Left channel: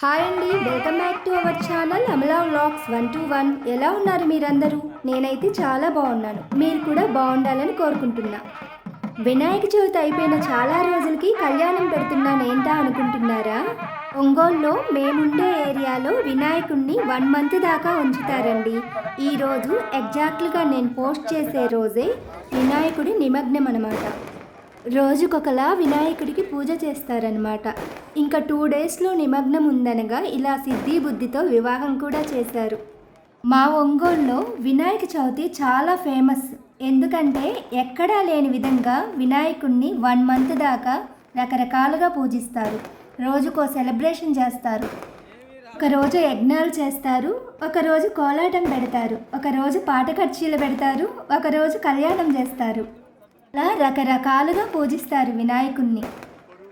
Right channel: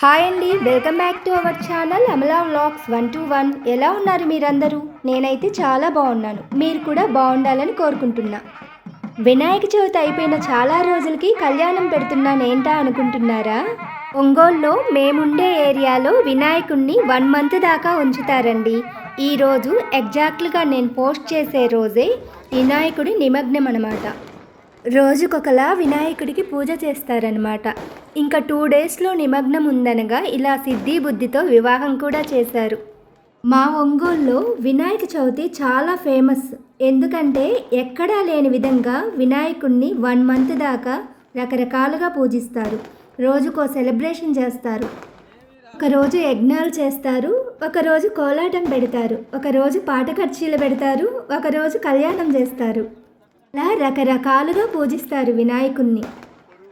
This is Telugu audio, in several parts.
హాయ్ అండి, welcome back to our channel Amala vlogs 121. ఎలా ఉన్నారు మీరందరూ? నేనైతే చాలా బాగున్నాను. మీరు కూడా బాగుండాలని కోరుకుంటున్నా. వినాయక చవితి అయిపోయిన చాలా రోజులకి కళ్యాణం పెడుతున్నాను ఏంటా అనుకుంటున్నారా? ఒంగోలులో మేముండే ఏరియాలో వినాయకుడిని 1 మంత్ దాకా ఉంచుతారండి. ఈరోజు ఎగ్జాక్ట్గా నేను పోస్ట్ చేసే రోజే వినాయకుడి నిమగ్నం అన్నమాట. రోజుకొకలా వినాయకుడికి పూజ చేస్తారనమాట. ఇంకా 2 డేస్లో నిమగ్నం ఉందనగా ఇలా సిద్ధి బుద్ధితో వివాహం కూడా చేశారు. మా ఒంగోలులో వినాయక చవితి చాలా ఫేమస్. ఎందుకంటే ఎక్కడా లేని విధంగా వినాయకుడిని 1 మంత్ దాకా రకరకాలుగా పూజిస్తారు. రోజుకో సెలబ్రేషన్ చేస్తారు. ఒకరోజు యజ్ఞాలు చేస్తారు, ఒకరోజు కోలాటం పెడతారు, ఒకరోజు పాట కచ్చేలు పెడతారు, ఒకరోజు కళ్యాణం చేస్తారు. అలా రకరకాలుగా పూజిస్తారు వినాయకుడిని.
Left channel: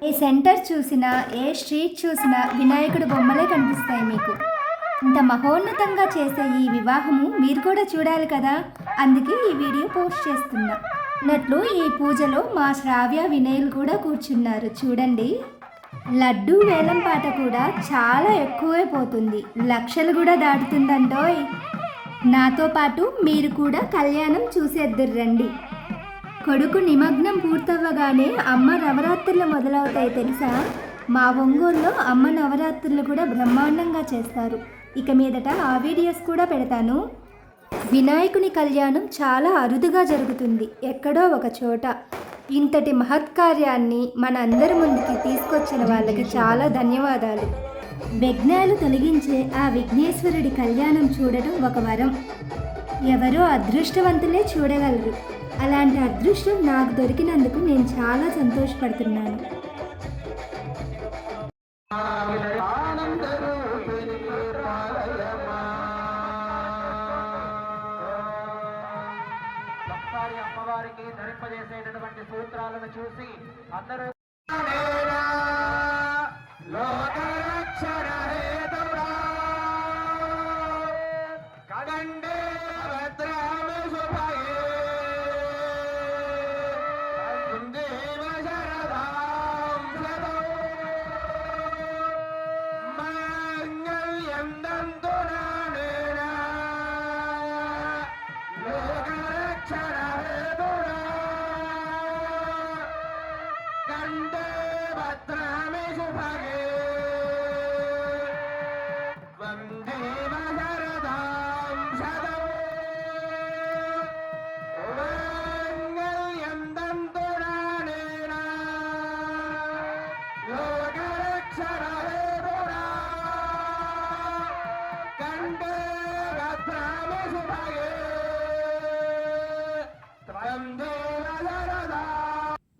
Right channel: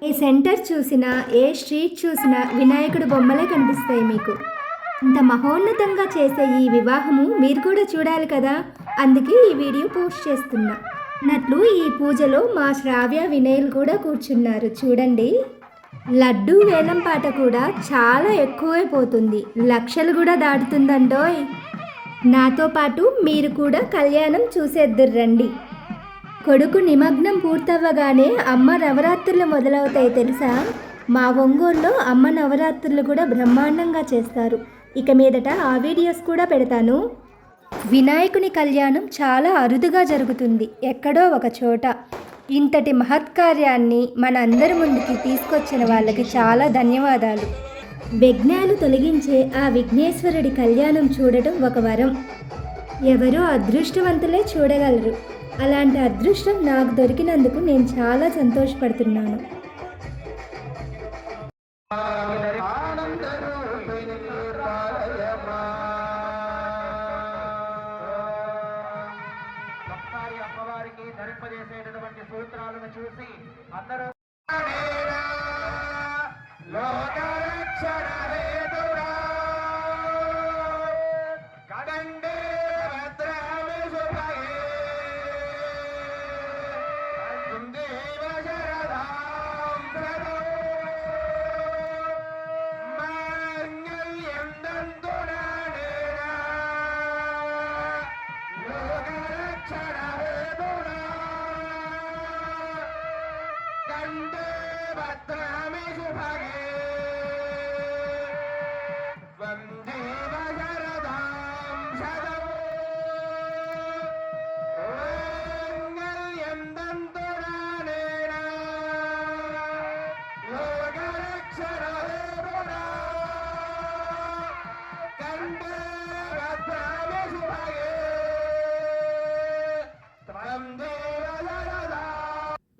ఏ సెంటర్ చూసినా, ఏ స్ట్రీట్ చూసినా వినాయకుడి బొమ్మలే కనిపిస్తాయి మీకు. ఇంత మహోన్నతంగా చేసే ఈ వివాహము మీరు కూడా చూడాలి కదా, అందుకే ఈ వీడియో పోస్ట్ చేస్తున్నా. అన్నట్లు ఈ పూజలో మా శ్రావ్య వినయలు కూడా కూర్చున్నారు చూడండి. లడ్డూ వేలం పాట కూడా చాలా ఎక్కువైపోతుంది, లక్షలు కూడా దాటుతుందండోయ్. నాతో పాటు మీరు కూడా కళ్యాణం చూసేద్దురు రండి. కొడుకు నిమగ్నం పూర్తవ్వగానే అమ్మ నవరాత్రులు మొదలవుతాయి తెలుసా? మా ఒంగోలులో అమ్మ నవరాత్రులు కూడా బ్రహ్మాండంగా చేస్తారు. ఇక మీదట ఆ వీడియోస్ కూడా పెడతాను. వినాయకుని కళ్యాణం చాలా అరుదుగా జరుగుతుంది, ఎక్కడో ఒక చోట. ఇంతటి మహత్కార్యాన్ని మన అందరి ముందుకి తీసుకొచ్చిన వాళ్ళకి చాలా ధన్యవాదాలు. విఘ్నాలు తొలగించే ఆ విఘ్నేశ్వరుడి కళ్యాణం చూడటం ఒక వరం. ఎవరో అదృష్టవంతులే చూడగలరు. అలాంటి అదృష్టం నాకు దొరికినందుకు నేను చాలా సంతోషపడుతున్నాను. అమ్మవారికి ధరింపజేసేటటువంటి సూత్రాలను చూసి అందరూ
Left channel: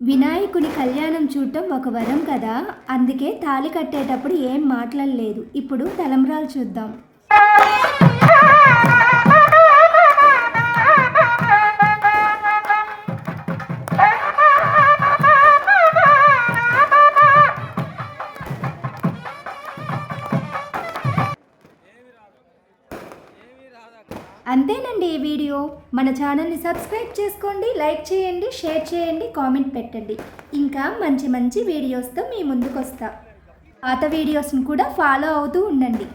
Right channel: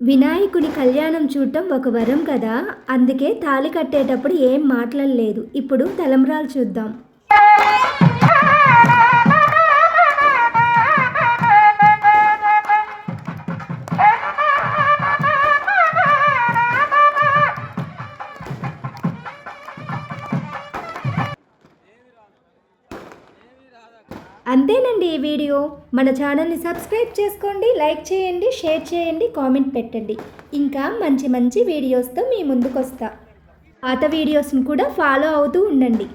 వినాయకుని కళ్యాణం చూడటం ఒక వరం కదా, అందుకే తాళి కట్టేటప్పుడు ఏం మాట్లాడలేదు. ఇప్పుడు తలంబ్రాలు చూద్దాం. అంతేనండి ఈ వీడియో. మన ఛానల్ని సబ్స్క్రైబ్ చేసుకోండి, లైక్ చేయండి, షేర్ చేయండి, కామెంట్ పెట్టండి. ఇంకా మంచి మంచి వీడియోస్తో మీ ముందుకు వస్తా. పాత వీడియోస్ని కూడా ఫాలో అవుతూ ఉండండి.